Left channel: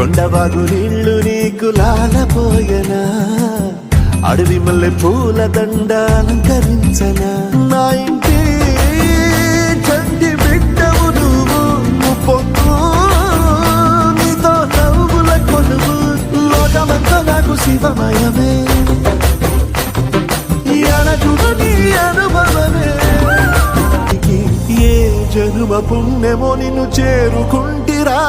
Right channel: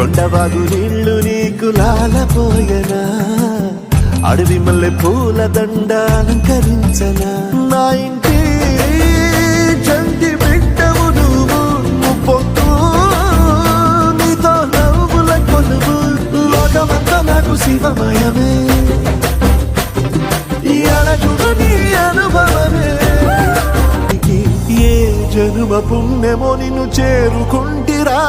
కొండవాగు నీళ్లు నీకు లాలపోయనా, అడవి మల్లె పూల దండ అలంకరించనా. నా ఇంటి చంటి బిడ్డవు నువ్వు, పొద్దు నీతో నవ్వుల కొలువు. లోకమంతా నాకు శివమయమే, అడచుడు నీ అనుభవమే. ఏ జనుమ పుణ్యమో నిన్ను చేరుకుంటిరా.